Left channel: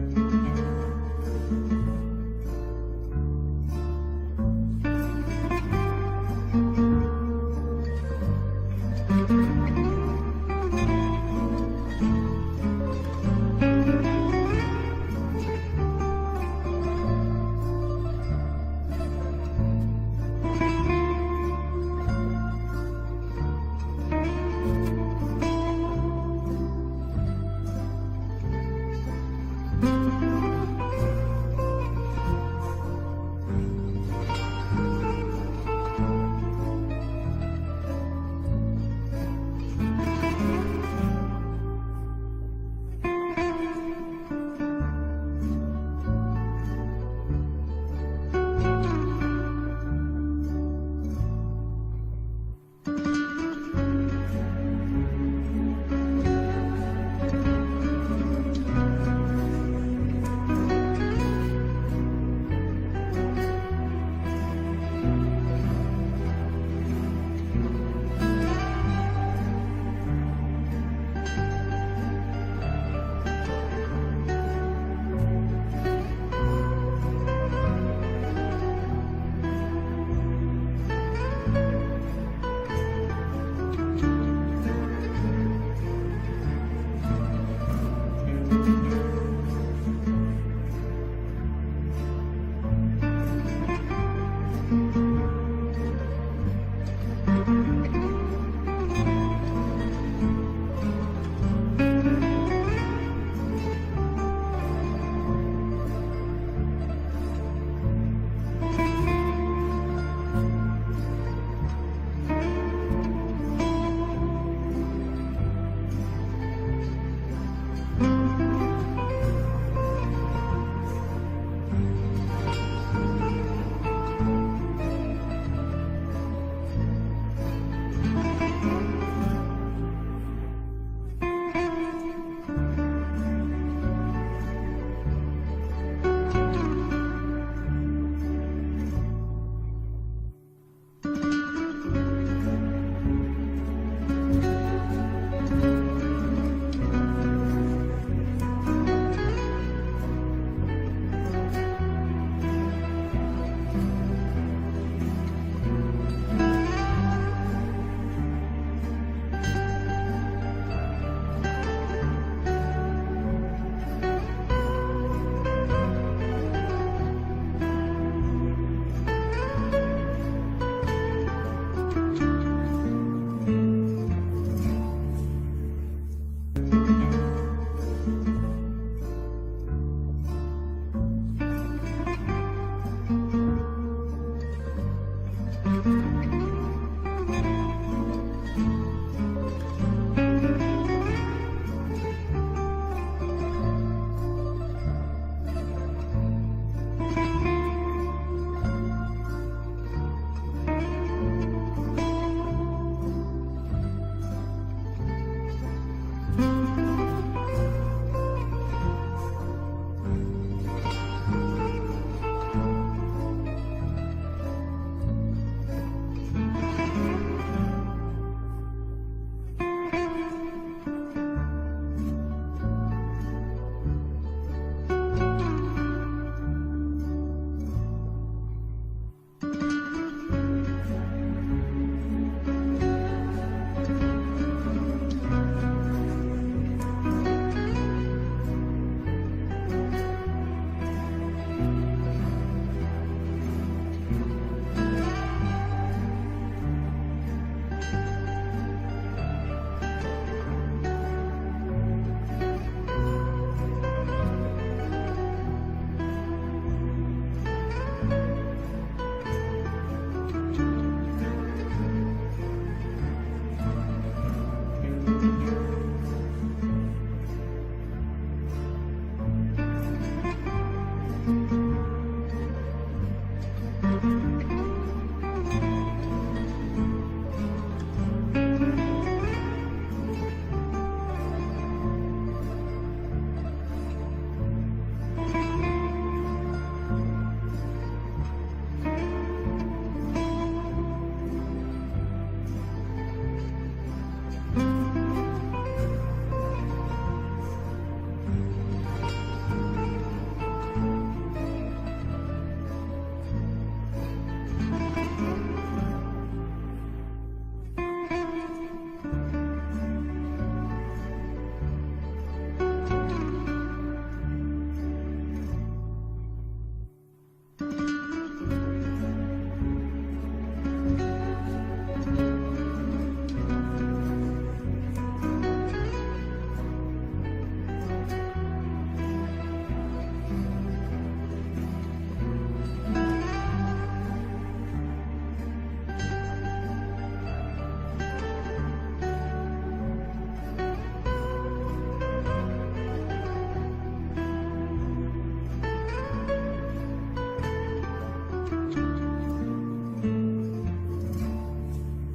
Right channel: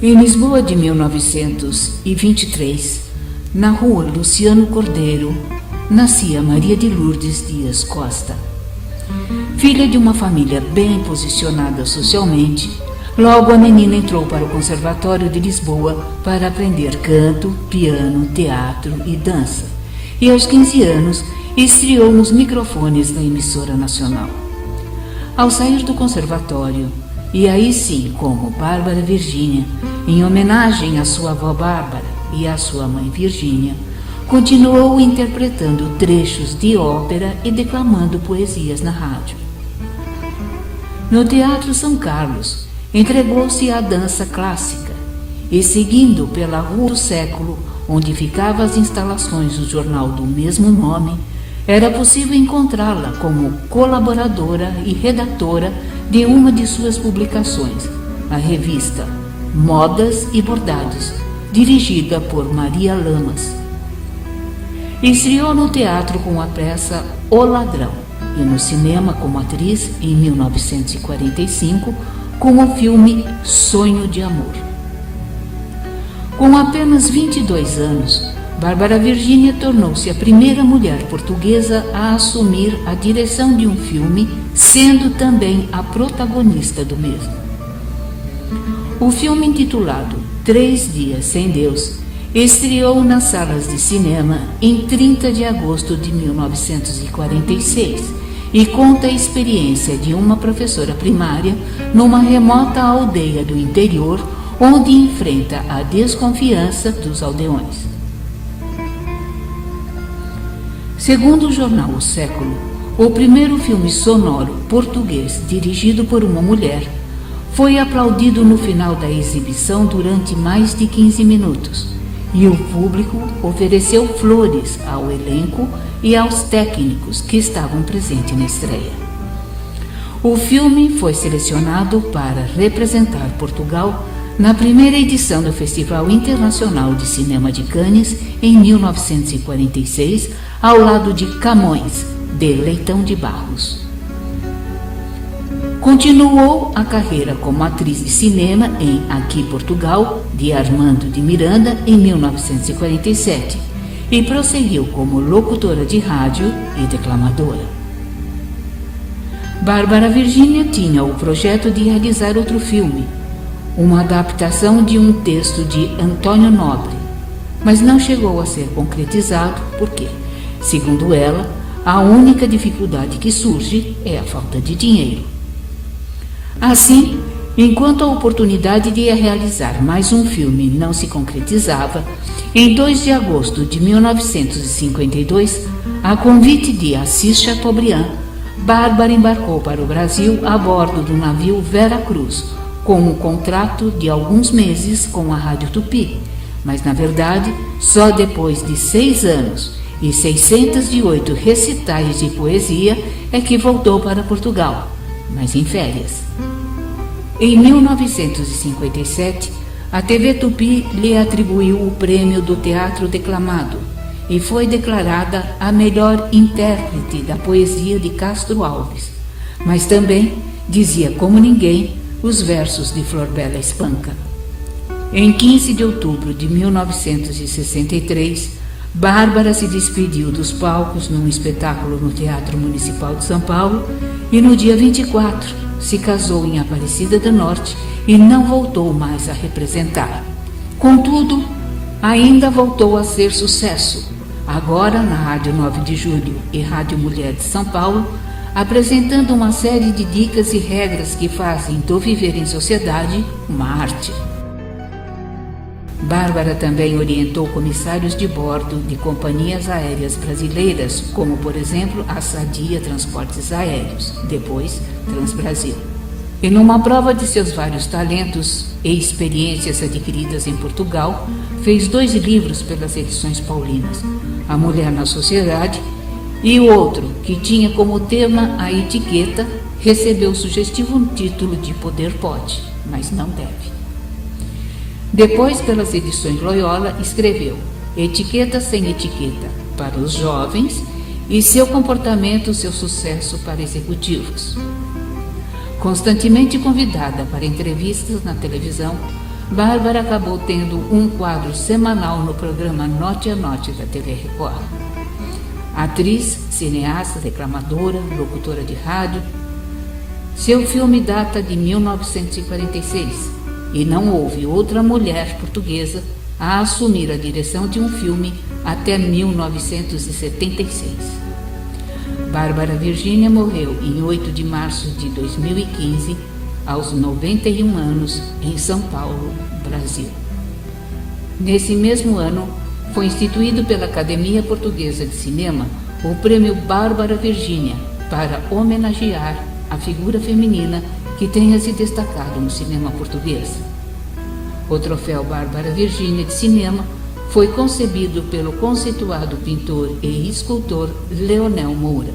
Em Lisboa de 1923, na rua Luciano Cordeiro, nascia Maria de Lourdes Dias Costa. Filha de uma família bem posicionada socialmente, logo a menina entrou para o Conservatório de Lisboa para aprender canto, piano, teatro e dança. E aos 15 anos, estreou nos microfones da emissora nacional. Ao sair do conservatório, e aí sim como Bárbara Virgínia, em homenagem à sua avó Bárbara e à sua mãe Virgínia, continuou interpretando trechos de ópera e declamando poesias na rádio. No Teatro São Carlos, entregou-se à dança clássica e, seguindo pela Rua do Século, onde ficavam as instalações do jornal do mesmo nome, era possível encontrá-la como colaboradora e redatora de uma de suas publicações, a revista Modas e Bordados, dirigida por Maria Lamas. Estreou no teatro com a peça O Ladrão e no cinema como atriz em 1945 com o filme Sonho de Amor. Com apenas 22 anos, Bárbara Virgínia tornou-se a primeira mulher portuguesa a assumir a direção de um filme, sendo também a protagonista do mesmo. O filme, intitulado 3 Dias Sem Deus, estreou nas salas de cinema em 30 de agosto de 1946 e conta a experiência de uma professora primária numa remota aldeia do interior, onde enfrenta a desconfiança dos aldeões. Segundo o jornal O Século, o primeiro filme sonoro português dirigido por uma mulher foi aplaudido no final da exibição durante mais de 15 minutos e o público ofereceu flores ao elenco e aos técnicos que estavam presentes na estreia. O filme foi selecionado para representar Portugal na primeira edição do Festival Internacional de Cinema de Cannes em 1946, ao lado de Camões, de Leitão de Barros. Continuou a carreira como atriz de cinema em Aqui Portugal, de Armando de Miranda, em 1947, e prosseguiu como locutora de rádio e declamadora. Bárbara Virgínia tinha o projeto de realizar outro filme, uma adaptação de um texto de Antônio Nobre, mas não chegou a ser concretizado porque, segundo ela, a única dificuldade que surge é a falta de dinheiro. Assim, enquanto a oportunidade de realizar mais um filme não se concretizava, em 2 de agosto de 1952, a convite de Assis Chateaubriand, Bárbara embarcou para o Brasil a bordo do navio Vera Cruz, com um contrato de alguns meses com a Rádio Tupi, mas na verdade, só depois de 6 anos e 608 recitais de poesia é que voltou para Portugal, mas em férias. Em 1957, a TV Tupi lhe atribuiu o prêmio do Teatro Declamado e foi declarada a melhor intérprete da poesia de Castro Alves, mas também dizia como ninguém os versos de Flor Bela Espanca. Em 15 de outubro de 1963, Bárbara se despediu dos palcos num espetáculo no Teatro Municipal de São Paulo e no dia 24 se casou em Aparecida do Norte e não voltou mais a representar. Contudo, ainda voltou a ser sucesso, agora na Rádio 9 de Julho e Rádio Mulher de São Paulo, apresentando uma série de dicas e regras que fazem do viver em sociedade uma arte. Bárbara também orientou comissários de bordo de companhias aéreas brasileiras, como, por exemplo, a Sadia Transportes Aéreos, depois Transbrasil. E numa prova de seus vários talentos e experiências adquiridas em Portugal, fez 2 livros pelas edições paulinas, A Mulher na Sociedade e o outro, que tinha como tema a etiqueta, recebeu o sugestivo título de Poder Pode, mas não deve. Depois, pelas edições Loyola, escreveu Etiqueta sem Etiqueta para os jovens e Seu Comportamento, Seu Sucesso para executivos. Constantemente convidada para entrevistas na televisão, Bárbara acabou tendo um quadro semanal no programa Note a Note da TV Record. Atriz, cineasta, declamadora, locutora de rádio. Seu filme data de 1946 e não houve outra mulher portuguesa a assumir a direção de um filme até 1976. Bárbara Virgínia morreu em 8 de março de 2015, aos 91 anos, em São Paulo, Brasil. Nesse mesmo ano, foi instituído pela Academia Portuguesa de Cinema o Prêmio Bárbara Virgínia para homenagear a figura feminina que tenha se destacado no cinema português. O troféu Bárbara Virgínia de Cinema foi concebido pelo conceituado pintor e escultor Leonel Moura.